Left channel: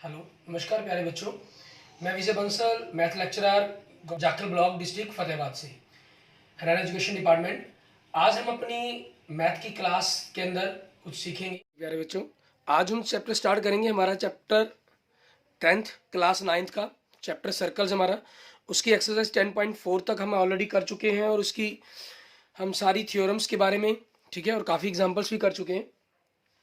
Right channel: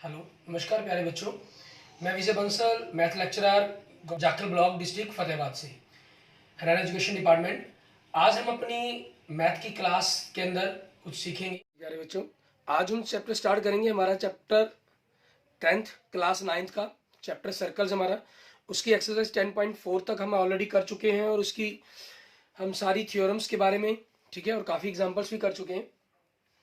Hello, नमस्कार प्यारे बच्चों। मैं Vijay Bansal, math lecturer, Jakhal block, district Fatehabad से, हरियाणा एजुकेशन डिपार्टमेंट। आज हम अपनी मैथ की क्लास के अंदर कुछ सीखेंगे। प्यारे बच्चों, आज हम चैप्टर स्टार्ट करेंगे। हमारा चैप्टर 10th क्लास 9th का चैप्टर सर्कल्स हमारा, उसकी एक्सरसाइज 10.4 तक हम ऑलरेडी कर चुके हैं और उसकी हम सारी थ्योरम्स के बारे में, ठीक है, और काफ़ी एग्जाम्पल्स भी कर चुके हैं।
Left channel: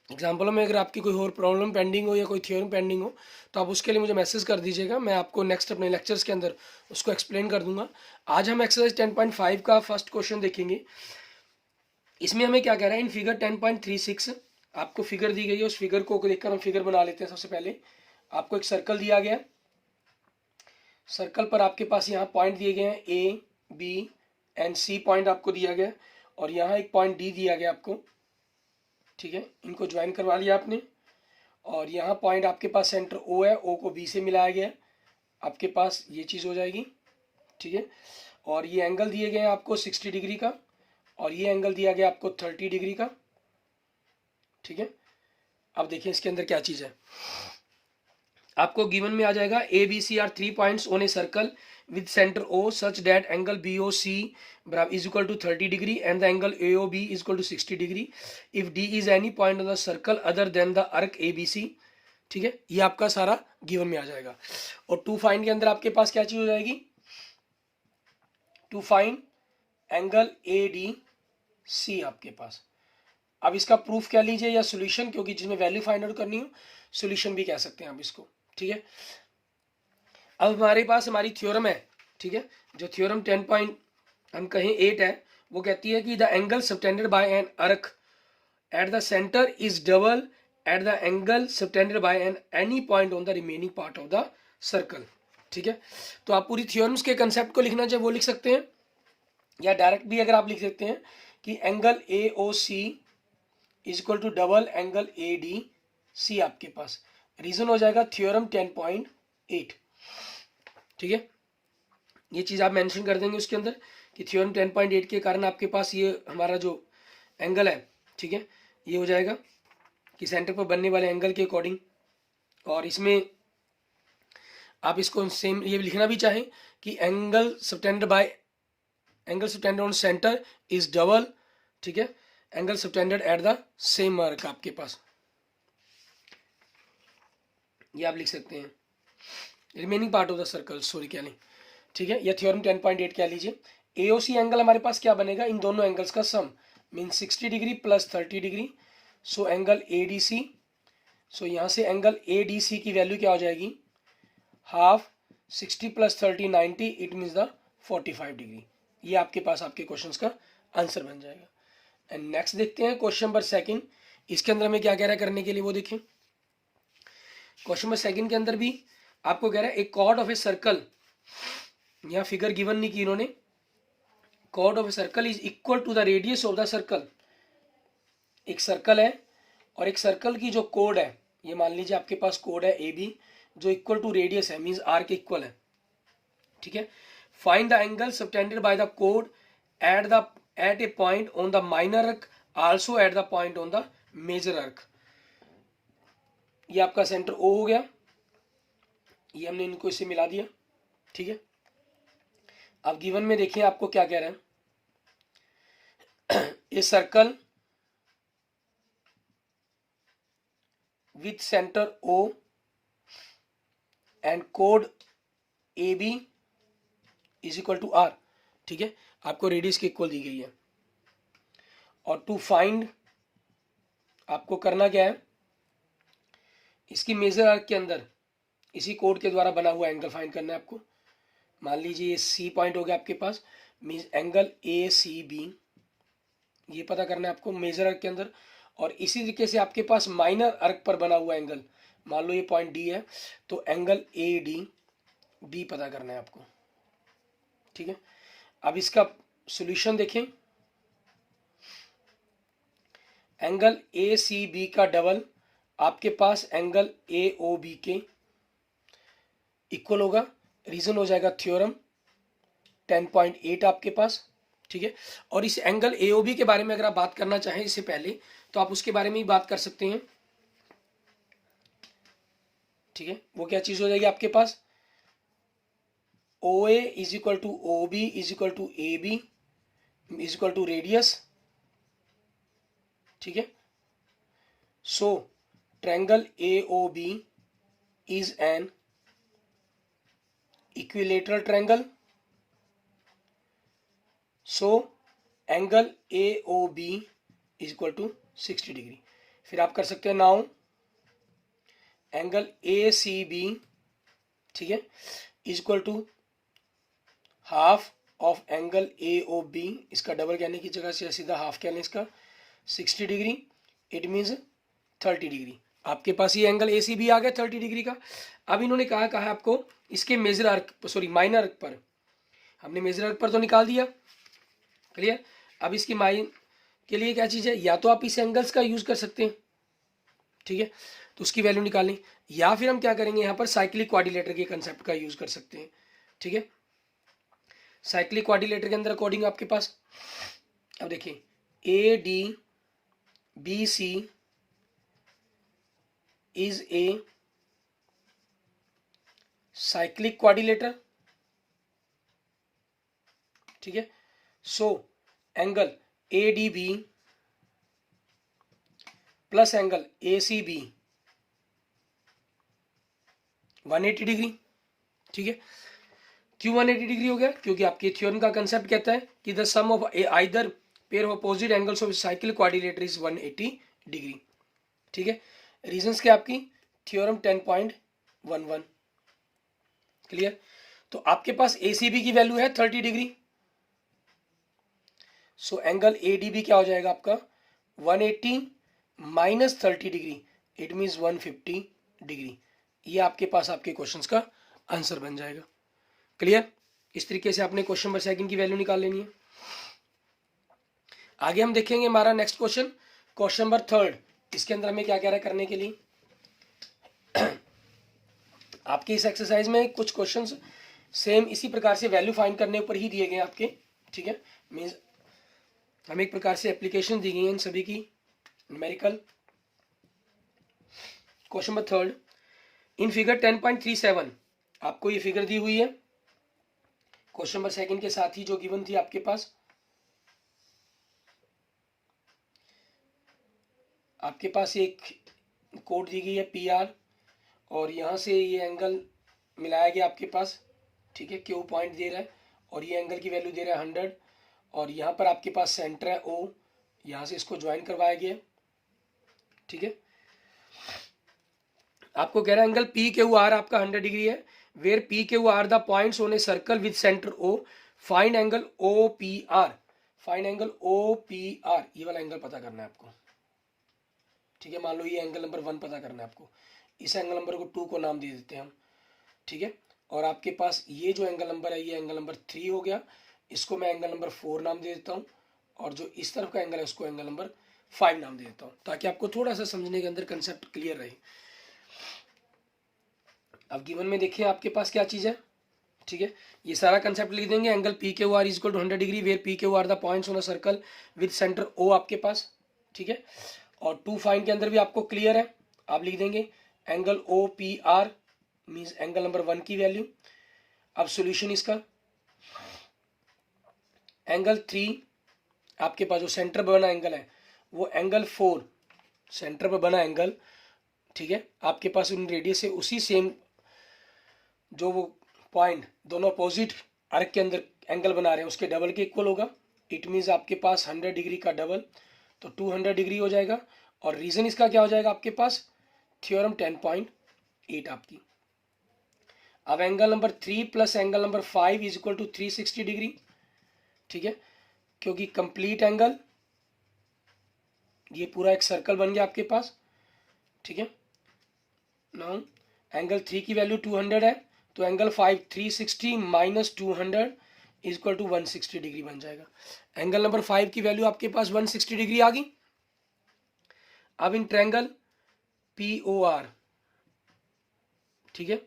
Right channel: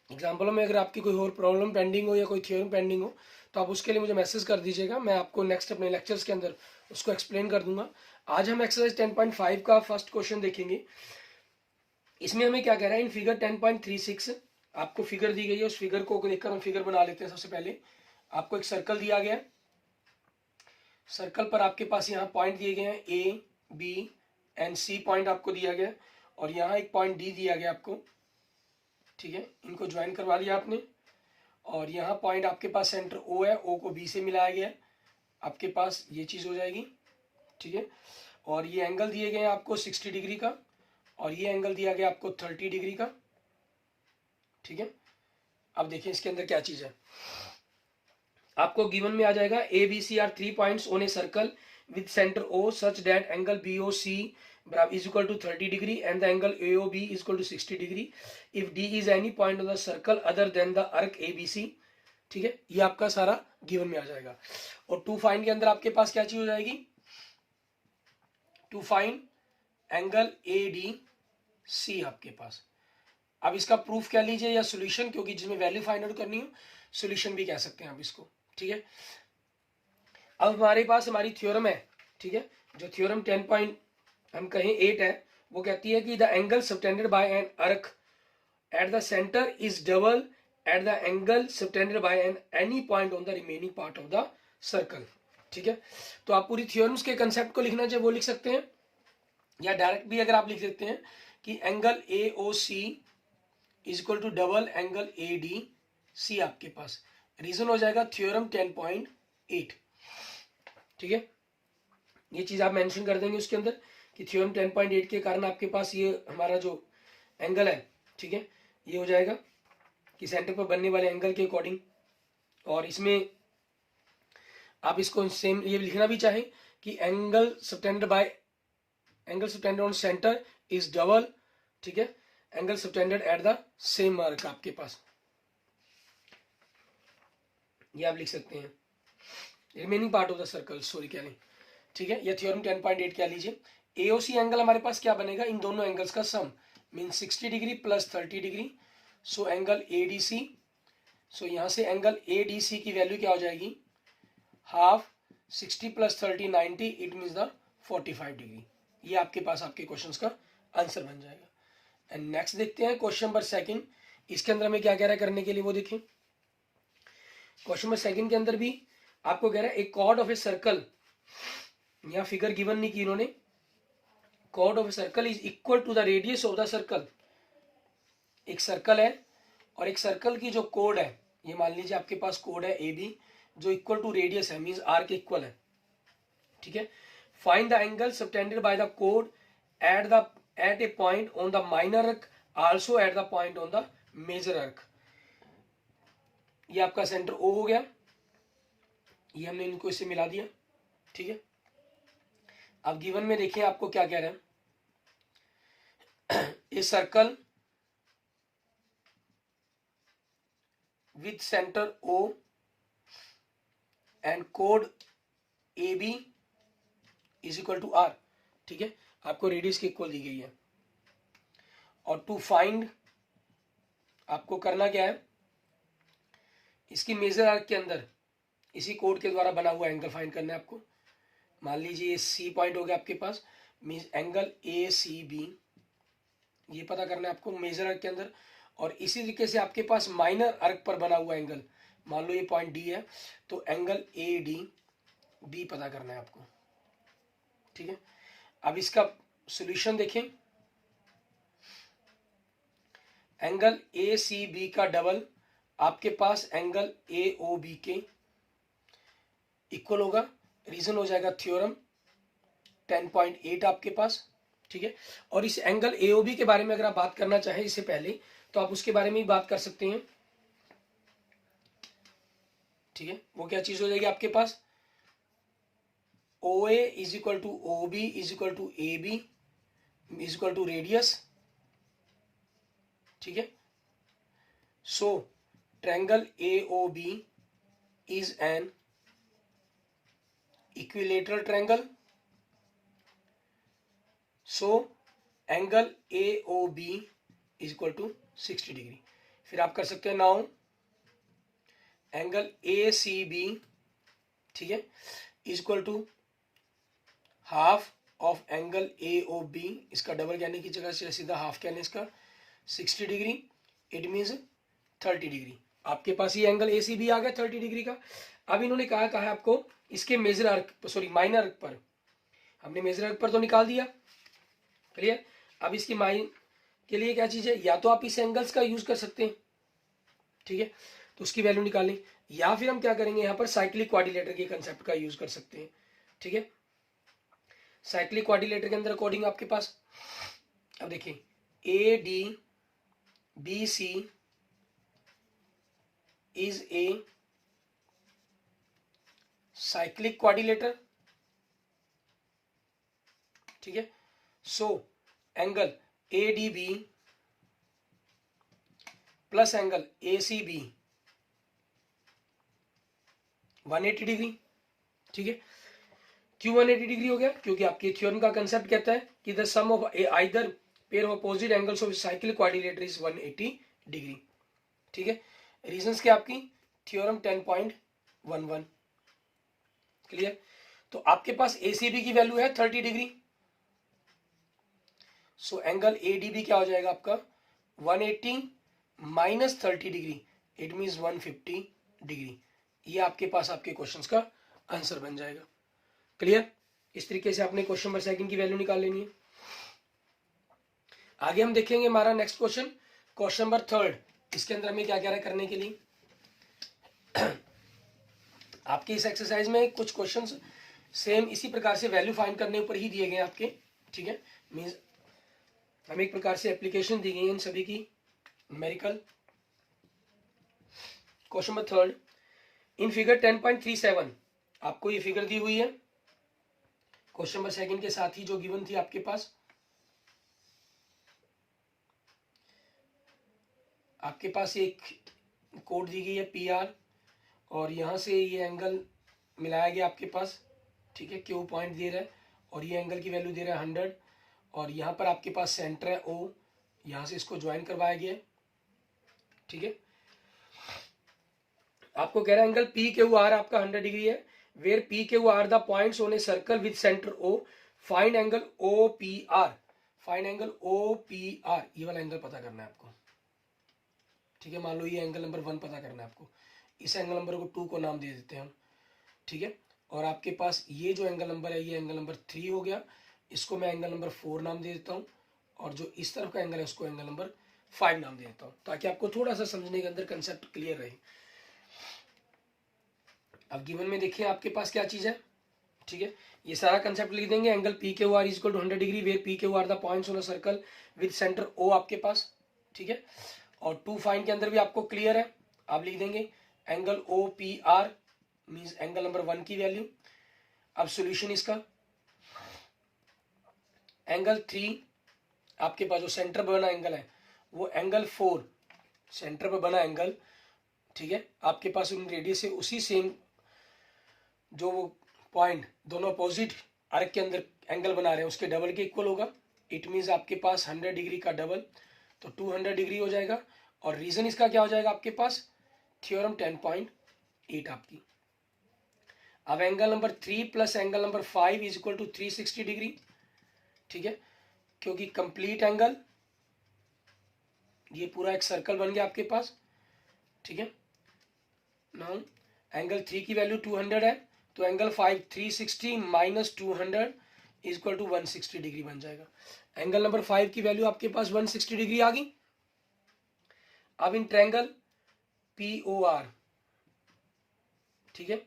एग्जाम्पलों में अगर आपकी कोई और प्रॉब्लम पेंडिंग हो या कोई थ्योरम पेंडिंग हो तो आप उसके लिए मुझे मैसेज कर दीजिएगा। मैं आपको नेक्स्ट अपने लेक्चर्स के अंदर उसको एक्सप्लेन कर दूंगा। आज हम एक्सरसाइज 10.5 का फर्स्ट क्वेश्चन देखेंगे। इसमें हमें क्या कह रहा है, इन फिगर 10.36 आपको फिगर दी गई है, उस फिगर को देखकर हम फिगर बना लेते हैं। सबसे पहले आपको एक सर्कल दिया गया, सर्कल पर आपके पास यहाँ पॉइंट दिए गए हैं, A B and C point आपको दिया गया, और यहाँ एक पॉइंट डी दिया गया आपको, ठीक है। इनको ज्वाइन करवा लिया आपने, और यहाँ पॉइंट आपके पास सेंटर ओ है, ओ को बी से मिलाया गया है, आपके पास ये चीज़ हो जाएगी, ठीक है। और ये एंगल दिए गए हैं आपको 60 डिग्री का, और ये एंगल दिया गया आपको 30 डिग्री का, ठीक है। अब देखिए इसके अंदर क्या चीज़ है। आपको गिवन में आ जाएगा A B C are 3 points on a circle with center O such that angle BOC is equal to 30 degree and the angle AOB is equal to 60 degree if D is any point on the circle other than the arc ABC, ठीक है। ये आपका सारा given में आ जाएगा। और to find के अंदर आपके पास क्या चीज हो जाएगी, टू फाइंड एंगल ADC आपके पास। अब इसका प्रूफ क्या लीजिए या सोल्यूशन, क्योंकि जिसमें वैल्यू फाइंड आउट करनी हो सोल्यूशन भी कह सकते हैं आप इसको, ठीक है। अब हमारे पास हमारी थ्योरम है, ठीक है। जो थ्योरम 10 पॉइंट हम कहें 8 है, वो कहती है कि the angle subtended bye an arc at the centre is double at the angle subtended bye an any point on the remaining part of the circle, ठीक है। तो आप पूरी थ्योरम्स के कंसेप्ट को लिखना चाहे वो लिख सकते हैं, या डायरेक्ट भी अगर आप लिख सकते हैं कि angle AOC is equal to double angle ADC आपके पास। रीजन हो जाएगा थ्योरम 10.8, ठीक है। ये चीज आप मेंशन कर देंगे उसके अंदर कि थ्योरम 10.8 के कारण आपके पास ये हमारा जो एंगल है, ठीक है, ये हो जाएगा कि सेंटर पर बनने वाले एंगल के अकॉर्डिंग। और इसमें आप इसको सेम ये लिखना भी चाहें कि angle subtended on centre is double, ठीक है, angle subtended at the same mark आपके पास, ये आप लिख सकते हैं। Remaining part of the circle, sorry क्या नहीं, ठीक है। या थ्योरम 10.8 क्या लीजिए, AOC एंगल हमारे पास क्या बनेगा, इन दोनों एंगल्स का sum mean 60 degree plus 30 degree, so angle ADC। So यहाँ से एंगल ADC की वैल्यू क्या हो जाएगी, half 60 plus 30 90, it means the 45 degree. ये आपके पास आपके क्वेश्चन का आंसर बन जाएगा। एंड नेक्स्ट देखते हैं क्वेश्चन नंबर सेकंड। इसके अंदर हमें क्या कह रहा है करने के लिए वो देखें। क्वेश्चन नंबर सेकंड के अंदर भी आपको कह रहा है एक कॉर्ड ऑफ ए सर्कल, यहाँ फिगर गिवन नहीं की इन्होंने, chord of a circle is equal to the radius of the circle. एक सर्कल है और एक सर्कल की जो कोड है, ये मान लीजिए आपके पास कोड है AB जो इक्वल टू रेडियस है, मींस R के इक्वल है, ठीक है। Find the angle subtended by the कोड at a point on the minor arc, also at the point on the major arc. ये आपका सेंटर O हो गया, ये हमने इनको इससे मिला दिया, ठीक है। अब गिवन में देखिए आपको क्या कह रहे हैं, a circle with centre O and कोड AB is equal to R, ठीक है। आपको रेडियस की इक्वल दी गई है। और टू फाइंड आपको करना क्या है, इसकी मेजर आर्क के अंदर इसी कोड के द्वारा बना हुआ एंगल फाइंड करना है आपको। मान लीजिए ये C पॉइंट हो गया आपके पास, मीन्स एंगल ACB, ये पता करना है आपको मेजर आर्क के अंदर। और इसी तरीके से आपके पास माइनर आर्क पर बना हुआ एंगल, मान लो ये पॉइंट D है, तो एंगल ADB पता करना है आपको, ठीक है। अब इसका सॉल्यूशन देखें, एंगल ACB का डबल आपके पास एंगल AOB के इक्वल होगा। रीजन हो जाएगा थ्योरम 10.8 आपके पास, ठीक है। और इस एंगल AOB के बारे में अगर आप बात करना चाहें इससे पहले, तो आप उसके बारे में ही बात कर सकते हैं। ठीक है, वो क्या चीज हो जाएगी आपके पास, O A is equal to O B is equal to A B is equal to radius, ठीक है। So triangle A O B is an equilateral triangle, so angle A O B is equal to 60 degree. फिर आप कर सकते हैं now angle A C B, ठीक है, is equal to half of angle A O B, इसका double कहने की जगह से सीधा हाफ कहने इसका 60 डिग्री, इट मीन्स 30 डिग्री। आपके पास ये एंगल ए सी बी आ गया 30 डिग्री का। अब इन्होंने कहा है आपको इसके major arc, sorry minor arc पर, हमने मेजर आर्क पर तो निकाल दिया, क्लियर। अब इसकी माइन के लिए क्या चीज है, या तो आप इस एंगल्स का यूज कर सकते हैं, ठीक है, तो उसकी वैल्यू निकालनी, या फिर हम क्या करेंगे यहाँ पर साइक्लिक क्वाड्रिलेटर के कंसेप्ट का यूज कर सकते हैं, ठीक है। साइक्लिक क्वाड्रिलेटर के अंदर अकॉर्डिंग आपके पास, अब देखिए A D B C is a cyclic quadrilateral, ठीक है। So angle A D B plus angle A C B 180 degree, ठीक है। क्यों 180 डिग्री हो गया, क्योंकि आपके थ्योरम का कंसेप्ट कहता है कि the sum of either pair of opposite angles of cyclic quadrilateral is 180 degree, ठीक है। रीजंस क्या आपकी, थ्योरम 10.11, क्लियर। तो आपके पास एसीबी की वैल्यू है 30 डिग्री, सो एंगल एडीबी क्या हो जाएगा आपका 180 minus 30 degree, it means 150 degree. ये आपके पास आपके क्वेश्चंस का आंसर बन जाएगा, क्लियर। इस तरीके से आपने क्वेश्चन नंबर सेकंड की वैल्यू निकाल लेनी है। आगे हम देखेंगे हमारा next question, question number third. इसके अंदर हमें क्या कह रहा है करने के लिए, आपके इस एक्सरसाइज में कुछ क्वेश्चंस सेम इसी प्रकार से वैल्यू फाइंड करने ऊपर ही दिए गए आपके, ठीक है। मीन्स हमें एक प्रकार से एप्लीकेशन दी गई है इन सभी की numerical. Question number third, in figure 10.37 आपको ये फिगर दी हुई है क्वेश्चन नंबर सेकंड के साथ ही जो गिवन थी आपके पास। आपके पास एक कोड दी गई है पी आर, और यहाँ से ये एंगल मिलाया गया आपके पास, ठीक है, क्यू पॉइंट दे रहा है और ये एंगल की वैल्यू दे रहा है 100, और यहाँ पर आपके पास सेंटर है ओ, यहाँ से इसको ज्वाइन करवाया गया, ठीक है। आपको कह रहा है एंगल पी क्यू आर आपका 100 डिग्री है, where P Q R the points on a circle with centre O, find angle O P R, find angle O P R, ये वाला एंगल पता करना है आपको, ठीक है। मान लो ये एंगल नंबर 1 पता करना है आपको, इस एंगल नंबर को 2 को नाम दे देते हैं हम, ठीक है। और आपके पास ये जो एंगल नंबर है ये एंगल नंबर 3 हो गया, इसको मैं एंगल नंबर 4 नाम दे देता हूँ, और जो इस तरफ का एंगल है उसको एंगल नंबर 5 नाम दे देता हूँ, ताकि आपको थोड़ा सा समझने के अंदर कंसेप्ट क्लियर रहे। अब गिवन में देखिए आपके पास क्या चीज है, ठीक है। ये सारा कंसेप्ट लिख देंगे, angle P Q R is equal to 100 degree, where P Q R the points on a circle with centre O आपके पास, ठीक है। और 2 फाइंड के अंदर भी आपको क्लियर है, आप लिख देंगे angle O P R means angle number 1 की वैल्यू। अब सॉल्यूशन इसका, एंगल 3 आपके पास जो सेंटर पर बना एंगल है वो एंगल 4 सेंटर पर बना एंगल, ठीक है। आपके पास उन रेडियस से उसी सेम जो वो पॉइंट दोनों अपोजिट आर्क के अंदर एंगल बना रहे हैं उसके डबल के इक्वल होगा, इट मीन्स आपके पास 100 डिग्री का डबल तो 200 डिग्री हो जाएगा। और रीजन इसका क्या हो जाएगा आपके पास, थ्योरम 10.8 आपकी। अब angle number 3 plus angle number 5 is equal to 360 degree, ठीक है, क्योंकि कंप्लीट एंगल ये पूरा एक सर्कल बन गया आपके पास, ठीक है। नाउ एंगल 3 की वैल्यू 200 है, तो angle 5 360 minus 200 is equal to 160 degree बन जाएगा। एंगल नंबर 5 की वैल्यू आपके पास 160 डिग्री आ गई। अब in triangle P O R, ठीक है,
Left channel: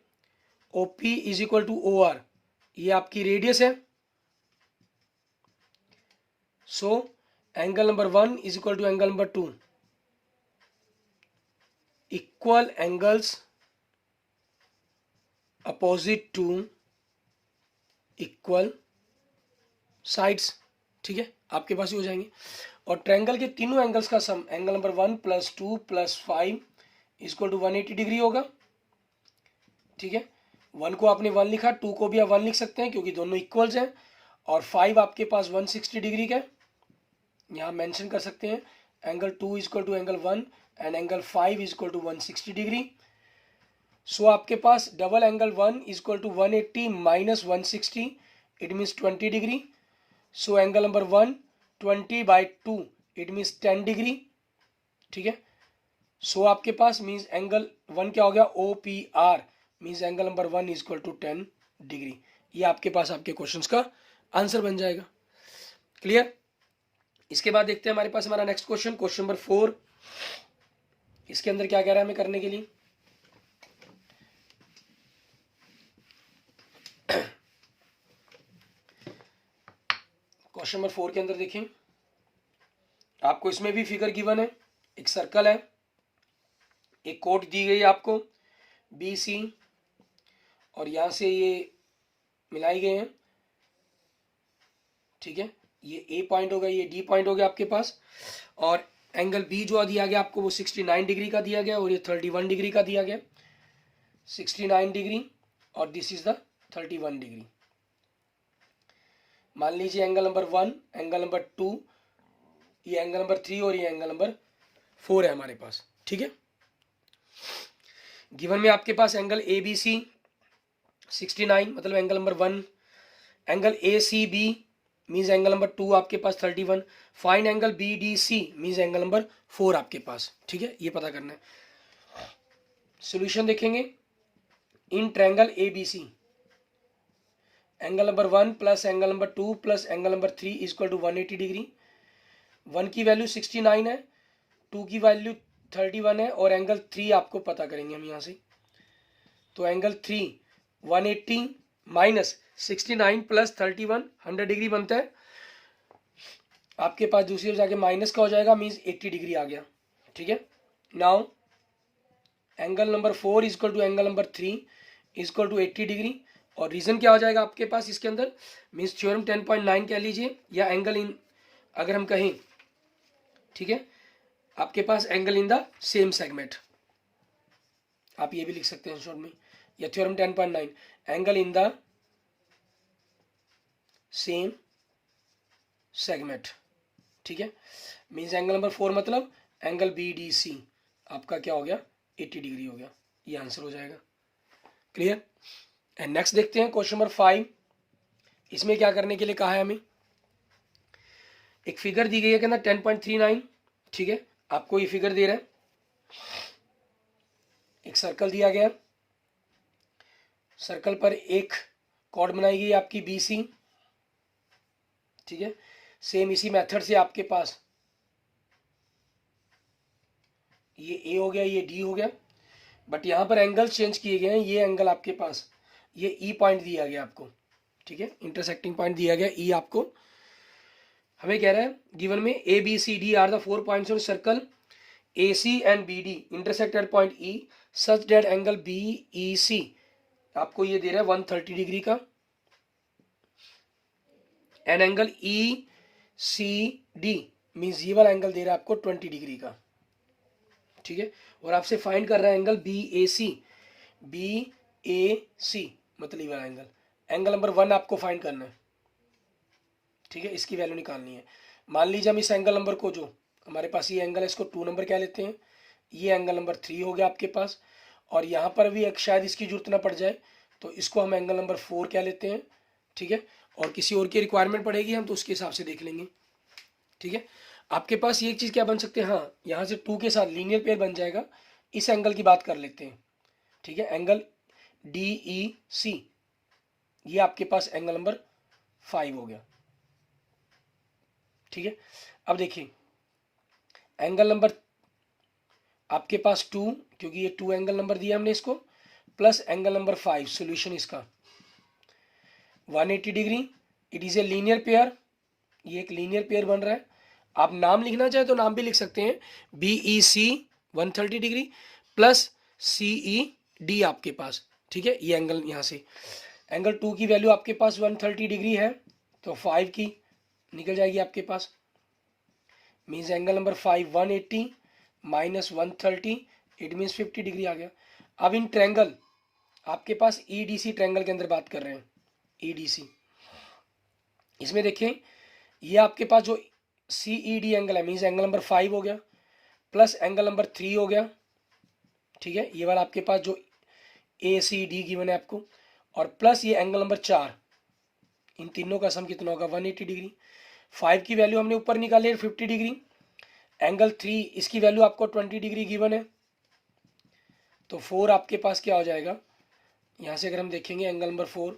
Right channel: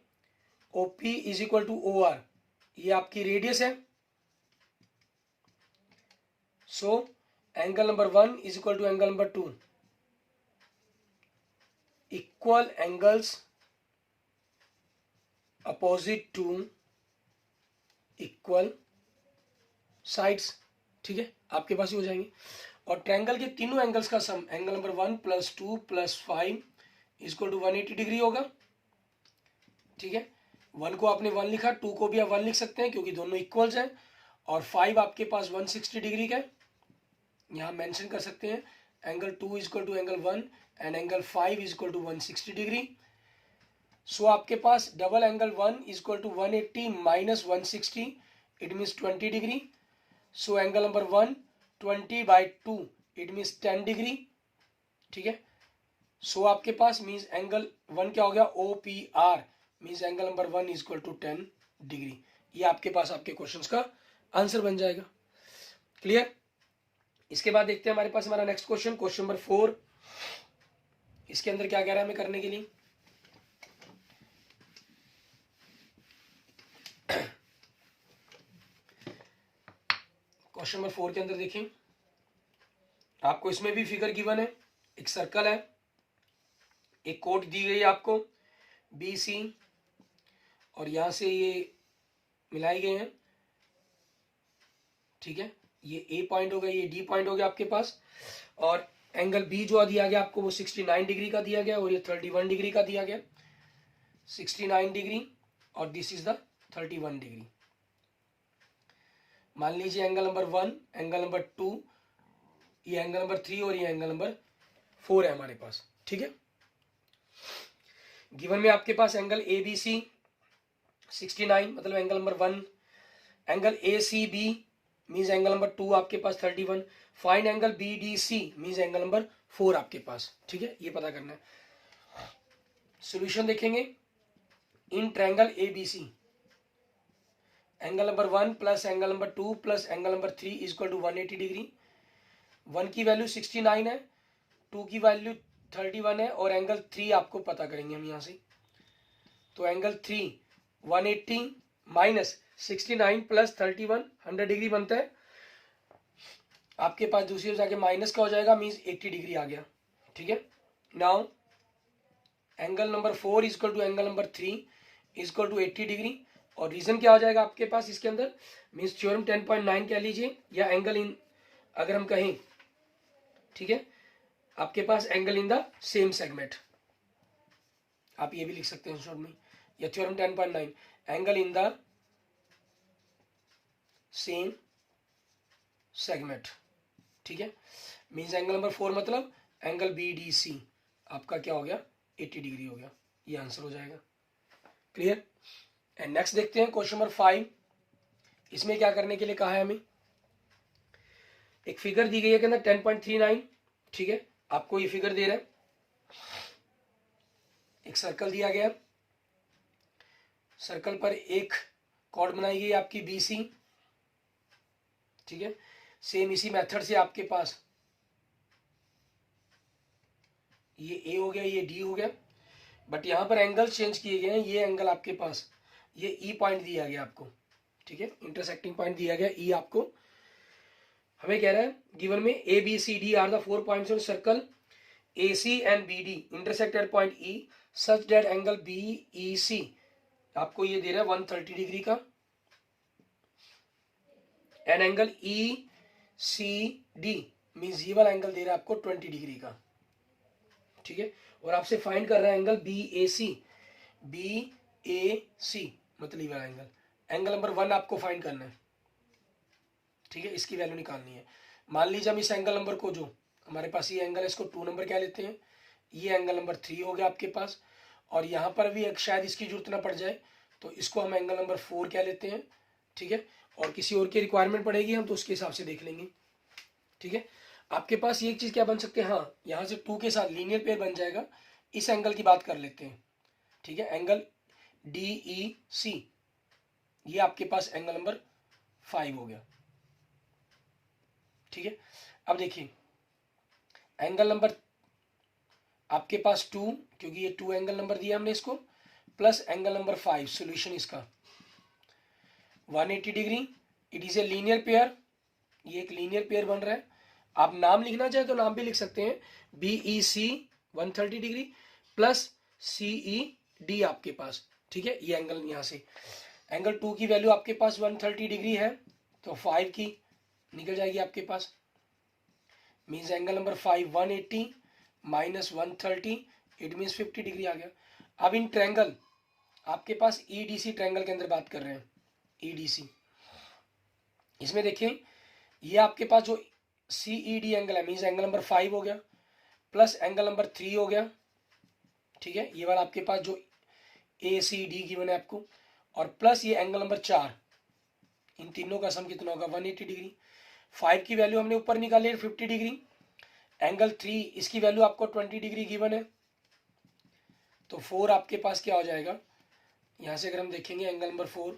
O P is equal to O R, ये आपकी रेडियस है, so angle number 1 is equal to angle number 2, equal angles opposite to equal sides, ठीक है, आपके पास ही हो जाएंगे। और ट्रायंगल के तीनों एंगल्स का sum angle number 1 + 2 + 5 equal to 180 degree होगा, ठीक है। 1 को आपने 1 लिखा, 2 को भी आप 1 लिख सकते हैं क्योंकि दोनों इक्वल्स हैं, और 5 आपके पास 160 डिग्री का है, यहाँ मेंशन कर सकते हैं। Angle 2 equal to angle 1 and angle 5 equal to 160 degree. So आपके पास double angle 1 equal to 180 minus 160, it means 20 degree. So angle number 1 20/2 it means 10 degree, ठीक है। सो आपके पास मीन्स एंगल 1 क्या हो गया, OPR means angle number 1 equal to 10 degree. ये आपके पास आपके क्वेश्चंस का आंसर बन जाएगा। क्लियर। इसके बाद देखते हैं हमारे पास हमारा नेक्स्ट क्वेश्चन, क्वेश्चन नंबर 4। इसके अंदर क्या कह रहा है हमें करने के लिए। क्वेश्चन नंबर 4 के अंदर देखें, आपको इसमें भी फिगर गिवन है, एक सर्कल है, एक कोट दी गई है आपको BC, और यहां से ये मिलाए गए हैं, ठीक है। ये A पॉइंट हो गया, ये D पॉइंट हो गया आपके पास, और एंगल B जो दिया गया आपको वो 69 डिग्री का दिया गया, और ये 31 डिग्री का दिया गया, 69 डिग्री और दिस इज द 31 डिग्री। मान लीजिए एंगल नंबर 1, एंगल नंबर 2, ये एंगल नंबर 3 और ये एंगल नंबर 4 है हमारे पास, ठीक है। गिवन में आपके पास एंगल ABC 69 मतलब angle number 1, angle ACB means angle number 2 आपके पास 31, find angle BDC means angle number 4 आपके पास, ठीक है, ये पता करना है। सॉल्यूशन देखेंगे। In triangle ABC angle number 1 plus angle number 2 plus angle number 3 equal to 180 degree. 1 की वैल्यू 69 है, 2 की वैल्यू 31 है, और एंगल 3 आपको पता करेंगे हम यहाँ से। तो एंगल 3 180 माइनस 69 प्लस 31 100 डिग्री बनता है। आपके पास दूसरी ओर जाके माइनस का हो जाएगा, मीन्स 80 डिग्री आ गया, ठीक है। Now angle number 4 equal to angle number 3 equal to 80 degree, और रीजन क्या हो जाएगा आपके पास इसके अंदर, मीन्स थ्योरम 10.9 कह लीजिए, या एंगल इन अगर हम कहें, ठीक है, आपके पास angle in the same segment, आप ये भी लिख सकते हैं शॉर्ट में, या theorem 10.9 angle in the same segment, ठीक है। मीन्स एंगल नंबर 4 मतलब एंगल BDC आपका क्या हो गया, 80 डिग्री हो गया, ये आंसर हो जाएगा। क्लियर। एंड नेक्स्ट देखते हैं क्वेश्चन नंबर 5। इसमें क्या करने के लिए कहा है हमें, एक फिगर दी गई है के अंदर 10.39, ठीक है, आपको ये फिगर दे रहा है, एक सर्कल दिया गया, सर्कल पर एक कॉर्ड बनाई गई आपकी BC, ठीक है। सेम इसी मेथड से आपके पास ये A हो गया, ये D हो गया, बट यहां पर एंगल चेंज किए गए हैं। ये एंगल आपके पास ये E पॉइंट दिया गया आपको, ठीक है, इंटरसेक्टिंग पॉइंट दिया गया E आपको। हमें कह रहा है गिवन में ABCD are the 4 points on circle, AC and BD intersect at point E such that angle BEC आपको ये दे रहा है 130 डिग्री का, एंड एंगल ECD मीन्स ये वाला एंगल दे रहा है आपको 20 डिग्री का, ठीक है। और आपसे फाइंड कर रहा है एंगल BAC मतलब ये वाला एंगल, एंगल नंबर 1 आपको फाइंड करना है, ठीक है, इसकी वैल्यू निकालनी है। मान लीजिए हम इस एंगल नंबर को, जो हमारे पास ये एंगल है, इसको 2 नंबर कह लेते हैं, ये एंगल नंबर 3 हो गया आपके पास, और यहाँ पर भी शायद इसकी जरूरत ना पड़ जाए तो इसको हम एंगल नंबर 4 कह लेते हैं, ठीक है। और किसी और की रिक्वायरमेंट पड़ेगी हम तो उसके हिसाब से देख लेंगे, ठीक है। आपके पास ये चीज़ क्या बन सकते हैं, हाँ, यहाँ से 2 के साथ लीनियर पेयर बन जाएगा। इस एंगल की बात कर लेते हैं, ठीक है, एंगल DEC, ये आपके पास एंगल नंबर 5 हो गया, ठीक है। अब देखिए एंगल नंबर आपके पास 2, क्योंकि ये 2 एंगल नंबर दिया हमने इसको, प्लस एंगल नंबर 5, सॉल्यूशन इसका 180 degree, it is a linear pair, ये एक लीनियर पेयर बन रहा है। आप नाम लिखना चाहे तो नाम भी लिख सकते हैं, BEC 130 डिग्री प्लस CED आपके पास ठीक है, ये एंगल यहाँ से, एंगल 2 की वैल्यू आपके पास 130 डिग्री है, तो 5 की निकल जाएगी आपके पास, means angle number 5 180 minus 130, it means 50 degree आ गया। अब इन ट्रैंगल आपके पास ईडीसी ट्रैंगल के अंदर बात कर रहे हैं, ईडीसी, इसमें देखें ये आपके पास जो सीईडी एंगल है, मीन्स एंगल नंबर 5 हो गया, प्लस एंगल नंबर 3 हो गया, ठीक है, ये वाला आपके पास जो ए सी डी गिवन है आपको, और प्लस ये एंगल नंबर 4, इन तीनों का सम कितना होगा 180 डिग्री। 5 की वैल्यू हमने ऊपर निकाली है 50 डिग्री, एंगल 3 इसकी वैल्यू आपको 20 डिग्री गिवन है, तो 4 आपके पास क्या हो जाएगा, यहाँ से अगर हम देखेंगे angle number 4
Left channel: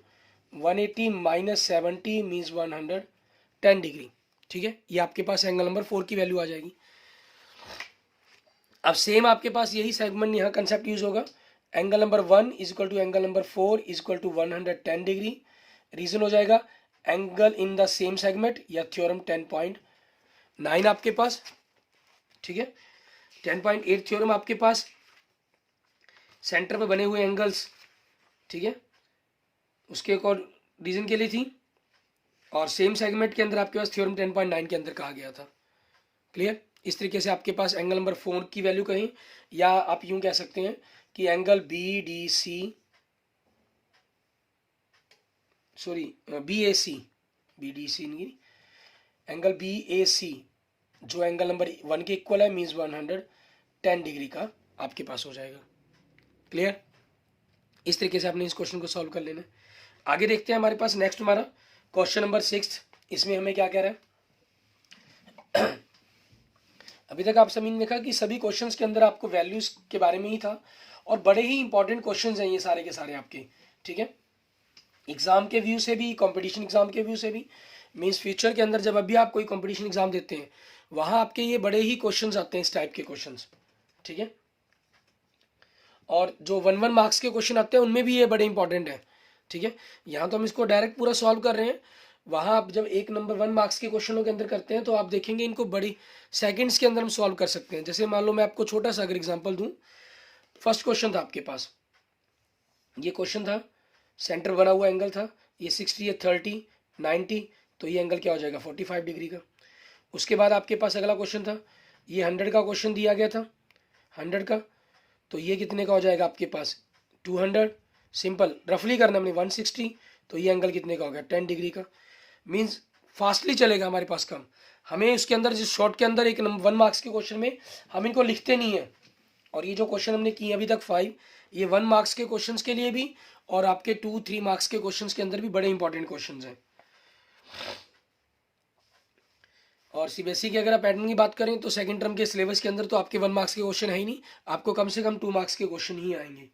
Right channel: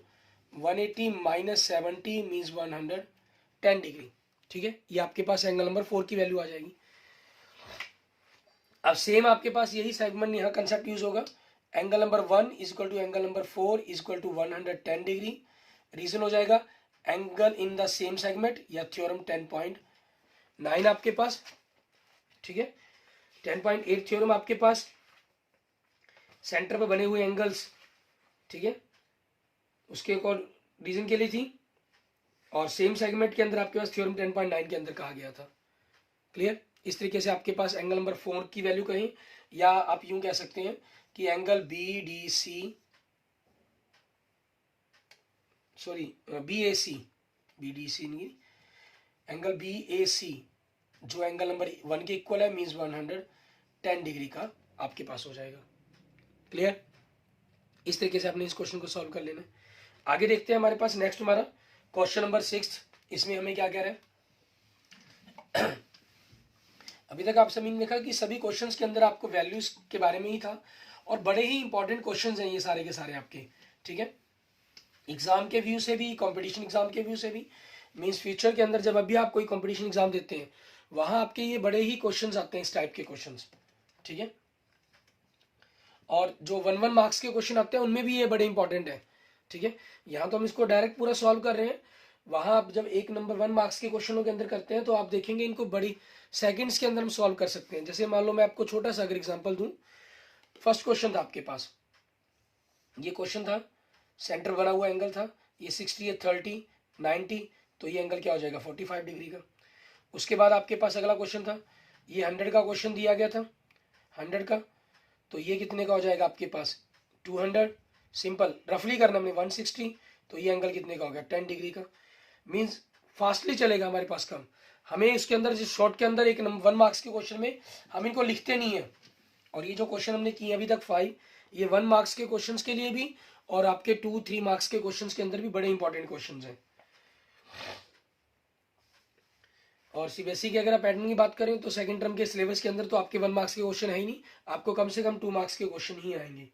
180 minus 70 means 110 degree, ठीक है, ये आपके पास एंगल नंबर 4 की वैल्यू आ जाएगी। अब सेम आपके पास यही सेगमेंट यहाँ कंसेप्ट यूज होगा, angle number 1 is equal to angle number 4 is equal to 110 degree, reason हो जाएगा angle in the same segment या थ्योरम 10.9 आपके पास, ठीक है, 10.8 थ्योरम आपके पास, सेंटर पे बने हुए एंगल्स, ठीक है, उसके एक और रीजन के लिए थी, और सेम सेगमेंट के अंदर आपके पास थ्योरम 10.9 के अंदर कहा गया था। क्लियर, इस तरीके से आपके पास एंगल नंबर 4 की वैल्यू कहीं, या आप यूं कह सकते हैं कि angle B D C, sorry B A C, B D C नहीं, एंगल बी ए सी जो एंगल नंबर 1 के इक्वल है, मीन्स 110 डिग्री का आपके पास हो जाएगा। क्लियर, इस तरीके से आपने इस क्वेश्चन को सॉल्व कर लेना। आगे देखते हैं हमारे पास नेक्स्ट हमारा क्वेश्चन नंबर 6, इसमें हमें क्या कह रहा है अभी तक आप सभी ने देखा कि सभी क्वेश्चंस के अंदर आपको वैल्यूज के बारे में ही था, और बड़े ही इंपॉर्टेंट क्वेश्चंस हैं ये सारे के सारे आपके, ठीक है, एग्जाम के व्यू से भी, कंपटीशन एग्जाम के व्यू से भी, मींस फ्यूचर के अंदर जब अभी आप कोई कंपटीशन एग्जाम देते हैं वहां आपके ये बड़े ही क्वेश्चंस आते हैं इस टाइप के क्वेश्चंस, ठीक है, और जो 1-1 मार्क्स के क्वेश्चन आते हैं उनमें भी ये बड़े इंपॉर्टेंट है, ठीक है, यहाँ तो हम इसको डायरेक्ट पूरा सॉल्व कर रहे हैं, वहां आप जब 1 नंबर 1 मार्क्स के क्वेश्चनों के अंदर करते हैं तो आप देखेंगे इनको बड़ी सेकंड्स के अंदर हम सॉल्व कर सकते हैं। जैसे मान लो मैं आपको छोटा सा अगर एग्जांपल दूं, फर्स्ट क्वेश्चन था आपके पास, ये क्वेश्चन था, सेंटर बना हुआ एंगल था, ये 60 है 30 90, तो ये एंगल क्या हो जाएगा 45 डिग्री का। उसके बाद आपके पास अगला क्वेश्चन था, ये 100 का क्वेश्चन दिया गया था, 100 का, तो ये कितने का हो जाएगा आपके पास 200, सिंपल रफली करना हमने 160, तो ये एंगल कितने का हो गया 10 डिग्री का, मीन्स फास्टली चलेगा हमारे पास काम। हमें इसके अंदर जिस शॉर्ट के अंदर 1 मार्क्स के क्वेश्चन में हम इनको लिखते नहीं है, और ये जो क्वेश्चन हमने किए अभी तक 5, ये 1 मार्क्स के क्वेश्चंस के लिए भी और आपके 2-3 मार्क्स के क्वेश्चंस के अंदर भी बड़े इंपॉर्टेंट क्वेश्चंस हैं। और सीबीएसई की अगर आप पैटर्न की बात करें तो सेकंड टर्म के सिलेबस के अंदर तो आपके 1 मार्क्स के क्वेश्चन है ही नहीं, आपको कम से कम 2 मार्क्स के क्वेश्चन ही आएंगे।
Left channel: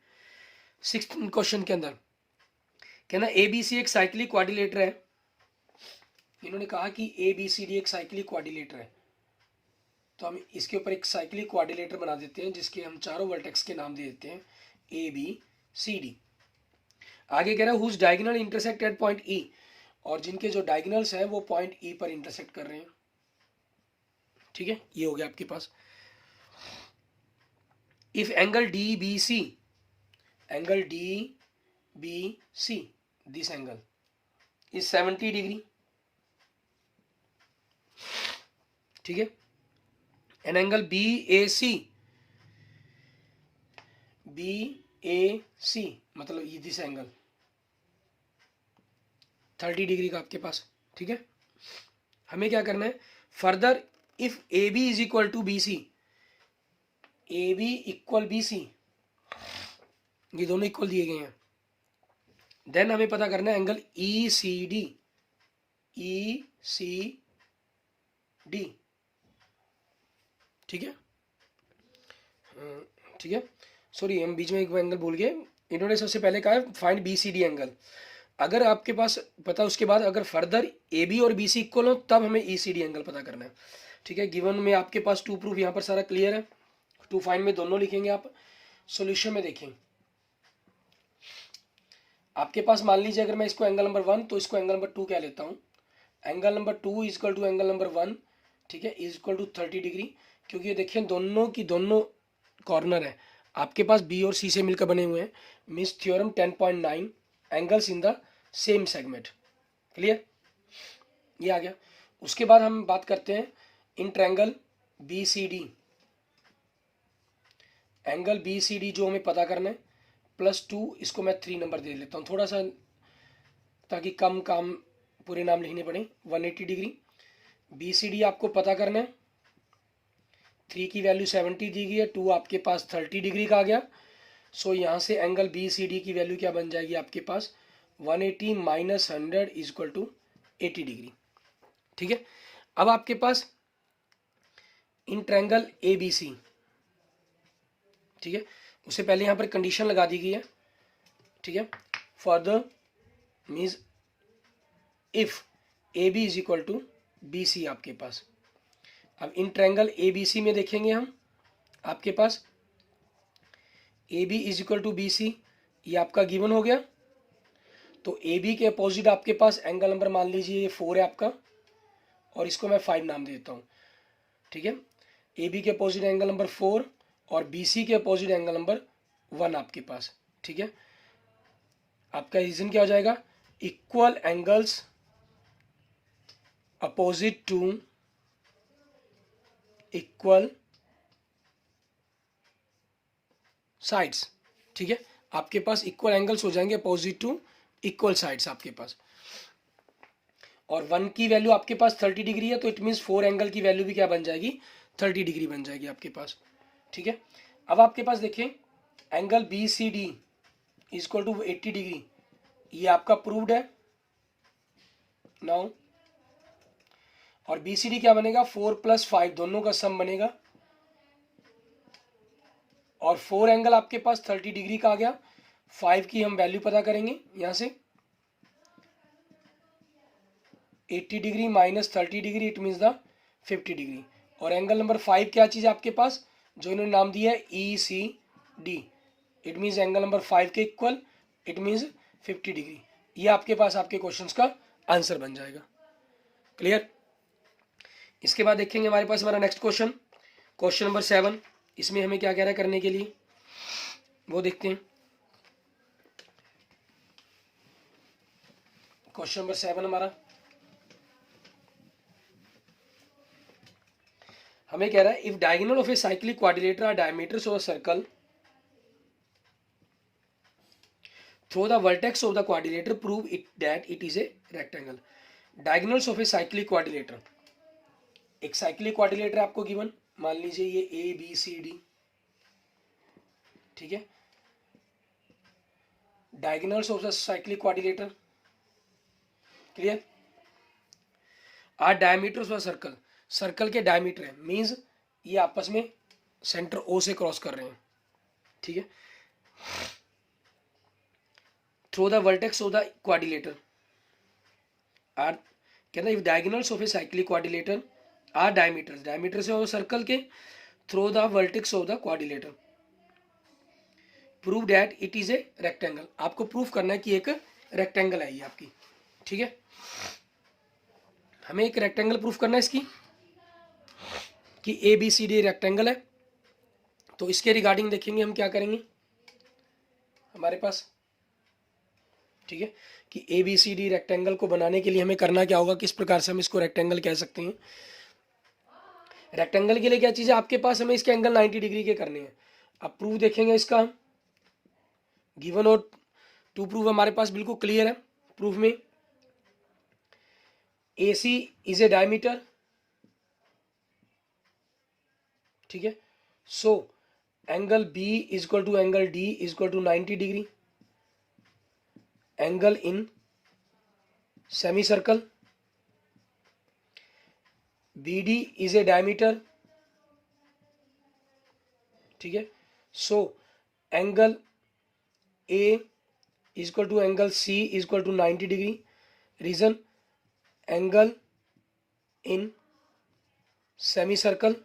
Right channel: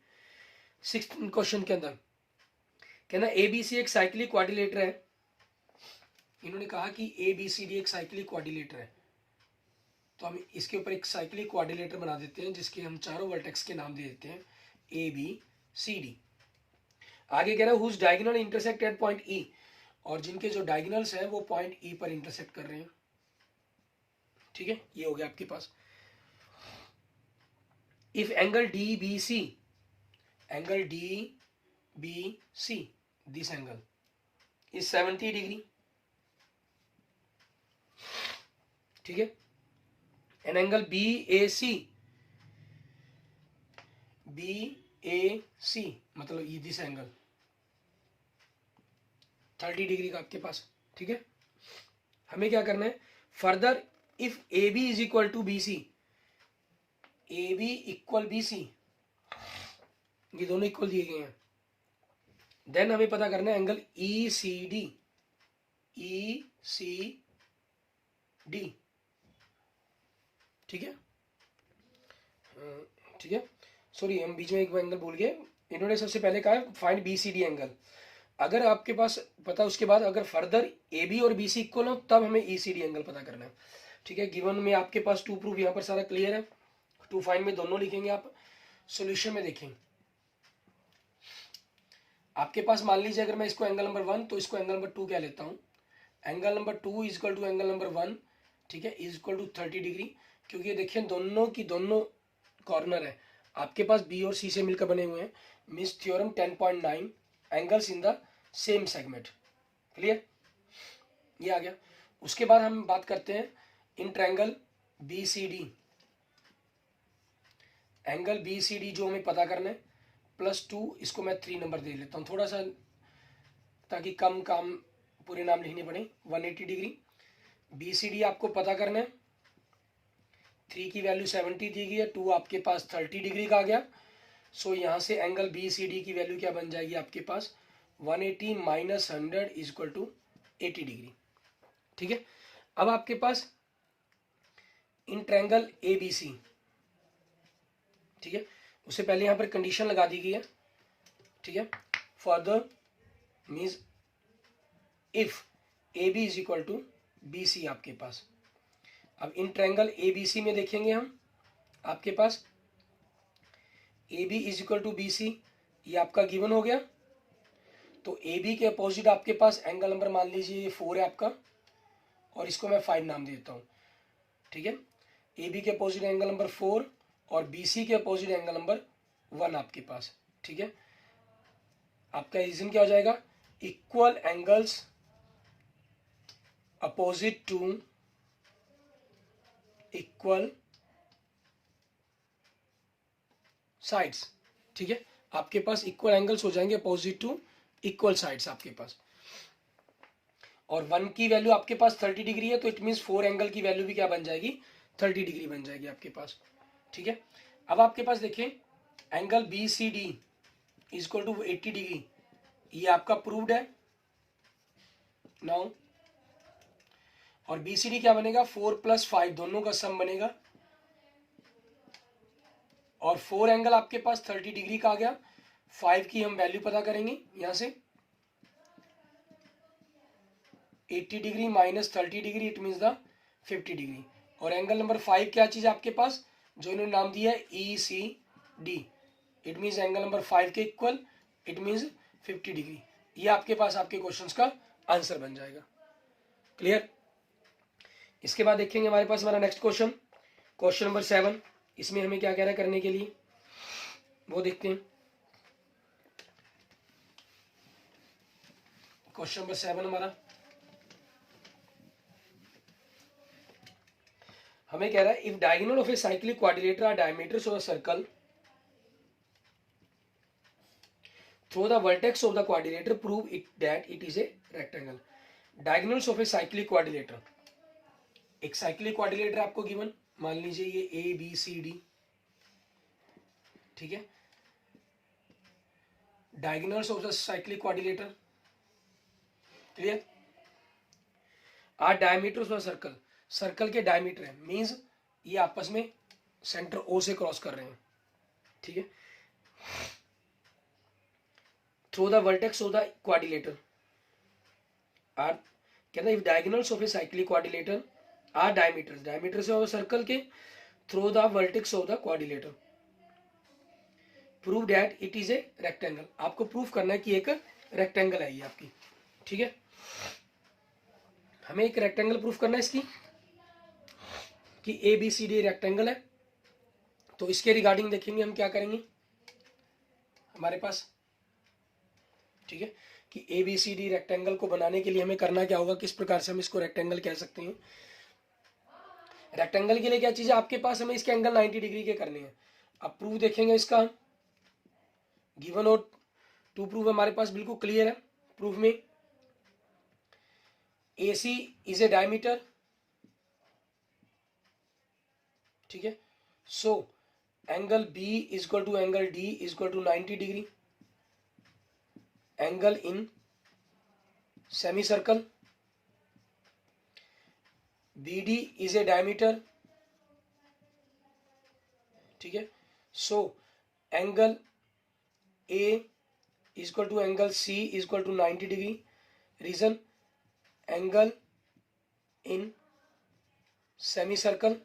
6th क्वेश्चन के अंदर कहना एबीसी एक साइक्लिक क्वाड्रिलेटर है, इन्होंने कहा कि एबीसीडी एक साइक्लिक क्वाड्रिलेटर है, तो हम इसके ऊपर एक साइक्लिक क्वाड्रिलेटर बना देते हैं जिसके हम चारों वर्टेक्स के नाम दे देते हैं ए बी सी डी। आगे कह रहा है whose diagonal intersect at point E, और जिनके जो डायगोनल्स हैं वो पॉइंट ई पर इंटरसेक्ट कर रहे हैं, ठीक है, ये हो गया आपके पास। If angle D B C, angle D B C, this angle is 70 degree, ठीक है, an angle B A C, B A C मतलब ये दिस एंगल 30 डिग्री का आपके पास, ठीक है। हमें क्या करना है further, if A B is equal to B C, A B equal B C, ये दोनों इक्वल दिए गए हैं, देन हमें पता करना है एंगल ई सी डी, ई सी डी, ठीक है, ठीक है, सॉरी हम बीच में एक एंगल भूल गए, इन्होंने सबसे पहले कहा है find B C D angle, अगर आपके पास पता उसके बाद अगर फर्दर ए बी और बी सी इक्वल हो तब हमें ई सी डी एंगल पता करना है, ठीक है। गिवन में आपके पास 2 प्रूफ यहाँ पर सारा क्लियर है, 2 फाइंड में दोनों लिखेंगे आप, सॉल्यूशन में देखें आपके पास मान लीजिए अगर मैं इसको एंगल नंबर 1 तो इसको एंगल नंबर 2 कह लेता हूँ, angle number 2 is equal to angle number 1, ठीक है, इज इक्वल टू 30 डिग्री, क्योंकि ये देखिए दोनों की दोनों कॉर्नर है, आपके पास बी और सी से मिलकर बने हुए हैं, means theorem 10.9 angles in the same segment. Clear, ये आ गया। उसके बाद हम बात करते हैं in triangle B C D. Angle B C D जो हमें पता करना है +2, इसको मैं 3 नंबर दे लेता हूँ थोड़ा सा, ताकि कम काम पूरे नाम लिखने पड़े। 180 डिग्री बी सी डी आपको पता करना है। 3 की वैल्यू 70 दी गई है, 2 आपके पास 30 डिग्री का आ गया। सो यहाँ से एंगल बी सी डी की वैल्यू क्या बन जाएगी आपके पास, 180 माइनस 100 इजक्वल टू 80 डिग्री। ठीक है, अब आपके पास इन ट्रायंगल ए बी सी, ठीक है, उससे पहले यहाँ पर कंडीशन लगा दी गई है। ठीक है, for the means if A B is equal to B C आपके पास। अब इन ट्रायंगल ए बी सी में देखेंगे हम, आपके पास A B is equal to B C, ये आपका गिवन हो गया। तो ए बी के अपोजिट आपके पास एंगल नंबर मान लीजिए ये 4 है आपका, और इसको मैं 5 नाम देता हूँ। ठीक है, ए बी के अपोजिट एंगल नंबर 4 और बी सी के अपोजिट एंगल नंबर 1 आपके पास। ठीक है, आपका रीजन क्या हो जाएगा, equal angles opposite to equal sides. ठीक है, आपके पास इक्वल एंगल्स हो जाएंगे अपोजिट टू इक्वल साइड्स आपके पास। और 1 की वैल्यू आपके पास 30 डिग्री है, तो इट मीन्स 4 एंगल की वैल्यू भी क्या बन जाएगी, 30 डिग्री बन जाएगी आपके पास। ठीक है, अब आपके पास देखिए angle B C D is equal to 80 degree, ये आपका प्रूव्ड है नाउ। और बी सी डी क्या बनेगा, 4 + 5 दोनों का सम बनेगा, और 4 एंगल आपके पास 30 डिग्री का आ गया। 5 की हम वैल्यू पता करेंगे यहां से, 80 degree minus 30 degree it means the 50 degree. और एंगल नंबर 5 क्या चीज है आपके पास, जो इन्होंने नाम दिया है E C D, it means angle number 5 के इक्वल, इट मीन्स 50 डिग्री। ये आपके पास आपके क्वेश्चंस का आंसर बन जाएगा। क्लियर, इसके बाद देखेंगे हमारे पास हमारा नेक्स्ट क्वेश्चन, क्वेश्चन नंबर 7। इसमें हमें क्या कह रहा है करने के लिए, वो देखते हैं। क्वेश्चन नंबर 7 हमारा, हमें कह रहा है if diagonal of a cyclic quadrilateral are diameters of a circle through the vertex of the quadrilateral prove it that it is a rectangle. Diagonals of a cyclic quadrilateral, एक cyclic quadrilateral आपको given, मान लीजिए ये A B C D. ठीक है, diagonals of the cyclic quadrilateral, clear, are diameters of circle, circle के diameter है, means ये आपस में सेंटर ओ से क्रॉस कर रहे हैं। ठीक है, through the vertex of the quadrilateral are, कहता है if diagonals of a cyclic quadrilateral are diameters, diameter से और सर्कल के, through the vertex of the quadrilateral prove that it is a rectangle. आपको प्रूफ करना है कि एक रेक्टेंगल है ये आपकी। ठीक है, हमें एक रेक्टेंगल प्रूफ करना है इसकी, कि A B C D rectangle है। तो इसके रिगार्डिंग देखेंगे हम क्या करेंगे हमारे पास। ठीक है, कि A B C D rectangle को बनाने के लिए हमें करना क्या होगा, किस प्रकार से हम इसको रेक्टेंगल कह सकते हैं। रेक्टेंगल के लिए क्या चीज है आपके पास, हमें इसके एंगल 90 डिग्री के करने हैं। अब प्रूफ देखेंगे इसका, गिवन और टू प्रूफ हमारे पास बिल्कुल क्लियर है। प्रूफ में ए सी इज ए डायमीटर। ठीक है, so angle B is equal to angle D is equal to 90 degree. Angle in semi circle, B D is a diameter. ठीक है, so angle A is equal to angle C is equal to 90 degree. Reason, angle in semi circle.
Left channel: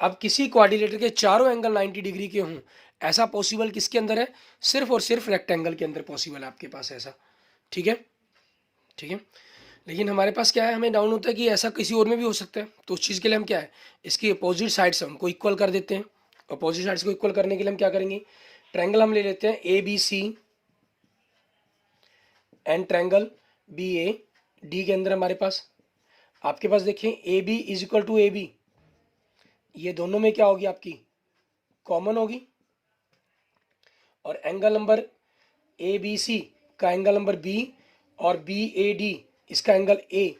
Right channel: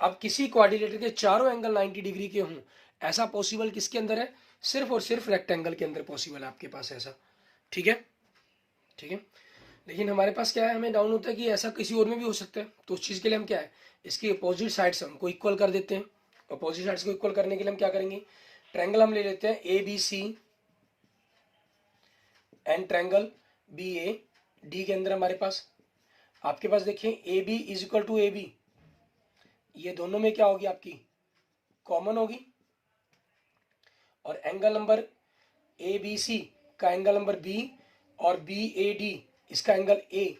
अब किसी quadrilateral के चारों angle 90 degree के हों, ऐसा possible किसके अंदर है, सिर्फ और सिर्फ रेक्टेंगल के अंदर पॉसिबल है आपके पास ऐसा। ठीक है, ठीक है, लेकिन हमारे पास क्या है, हमें डाउन होता है कि ऐसा किसी और में भी हो सकता है। तो उस चीज़ के लिए हम क्या है, इसकी अपोजिट साइड से हमको इक्वल कर देते हैं। अपोजिट साइड्स को इक्वल करने के लिए हम क्या करेंगे, ट्रायंगल हम ले लेते हैं A B C and triangle B A D के अंदर हमारे पास आपके पास देखिए A B is equal to A B, ये दोनों में क्या होगी आपकी कॉमन होगी, और angle number A B C का एंगल नंबर बी और बी ए डी इसका एंगल ए,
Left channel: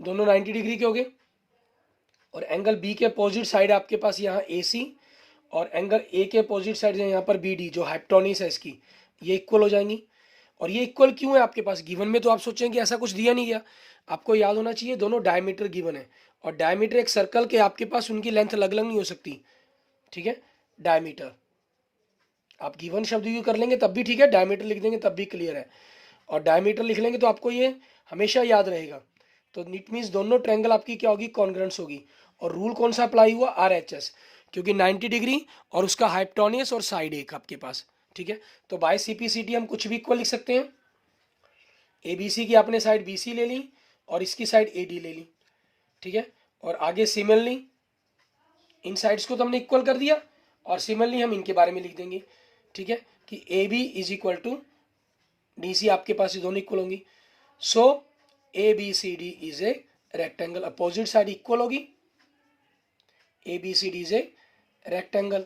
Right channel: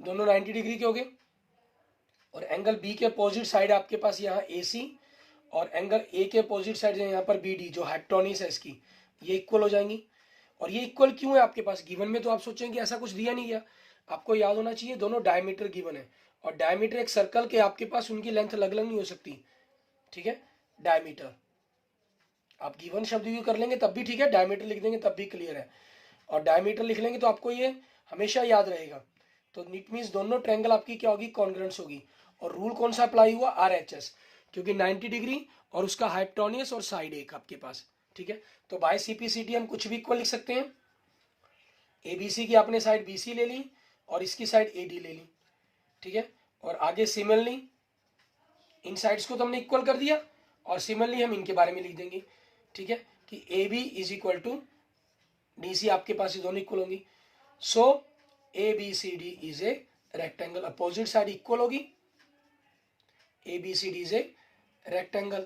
दोनों 90 डिग्री के हो गए। और एंगल बी के अपोजिट साइड आपके पास यहाँ ए सी और एंगल ए के अपोजिट साइड यहाँ पर बी डी जो हाइपोटेन्यूज है इसकी, ये इक्वल हो जाएंगी। और ये इक्वल क्यों है आपके पास गिवन में, तो आप सोचेंगे ऐसा कुछ दिया नहीं गया, आपको याद होना चाहिए दोनों डायमीटर गिवन है, और डायमीटर एक सर्कल के आपके पास उनकी लेंथ अलग अलग नहीं हो सकती, ठीक है। डायमीटर आप गिवन शब्द यूज कर लेंगे तब भी ठीक है, डायमीटर लिख देंगे तब भी क्लियर है, और डायमीटर लिख लेंगे तो आपको ये हमेशा याद रहेगा। तो इट मीन्स दोनों ट्रायंगल आपकी क्या होगी, कॉन्ग्रुएंस होगी। और रूल कौन सा अप्लाई हुआ, RHS, क्योंकि 90 डिग्री और उसका हाइपोटेन्यूज और साइड एक आपके पास, ठीक है। तो बाय CPCT हम कुछ भी इक्वल लिख सकते हैं, ABC की आपने साइड BC ले ली और इसकी साइड AD ले ली, ठीक है। और आगे सिमिलरली इन साइड्स को तो हमने इक्वल कर दिया, और सिमिलरली हम इनके बारे में लिख देंगे, ठीक है, कि AB is equal to DC आपके पास ये दोनों इक्वल होंगी। So ABCD is a rectangle, opposite side equal होगी, ABCD इज ए रेक्टेंगल।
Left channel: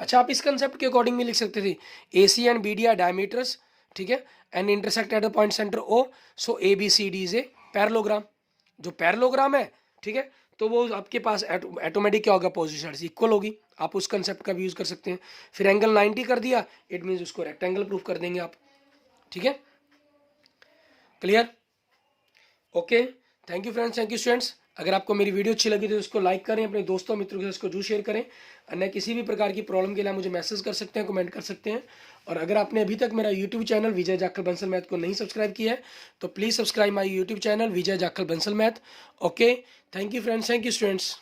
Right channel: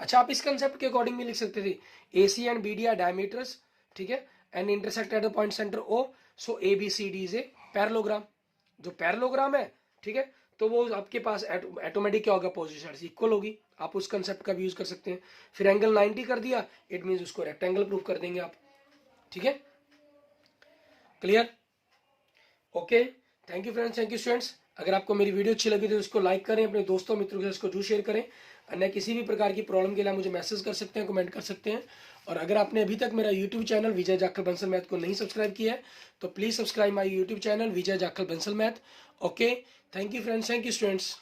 अच्छा, आप इस कंसेप्ट के अकॉर्डिंग भी लिख सकते थे AC and BD are diameters, ठीक है, and intersect at the point centre O, so ABCD is a parallelogram. जो पैरेललोग्राम है, ठीक है, तो वो आपके पास ऑटोमेटिक क्या होगा, अपोजिट साइड से इक्वल होगी। आप उस कंसेप्ट का भी यूज कर सकते हैं। फिर एंगल 90 कर दिया, इट मीन्स उसको रेक्टेंगल प्रूफ कर देंगे आप, ठीक है। Clear, okay, thank you friends, thank you students. अगर आपको मेरी वीडियो अच्छी लगी तो उसको लाइक करें, अपने दोस्तों मित्रों के साथ इसको जरूर शेयर करें। अन्य किसी भी प्रकार की प्रॉब्लम के लिए मुझे मैसेज कर सकते हैं, कमेंट कर सकते हैं। और अगर आपने अभी तक मेरा यूट्यूब चैनल विजय जाखल बंसल मैथ को नहीं सब्सक्राइब किया है तो please subscribe my YouTube channel Vijay Jakhal Bansal math. Okay, thank you friends, thank you students.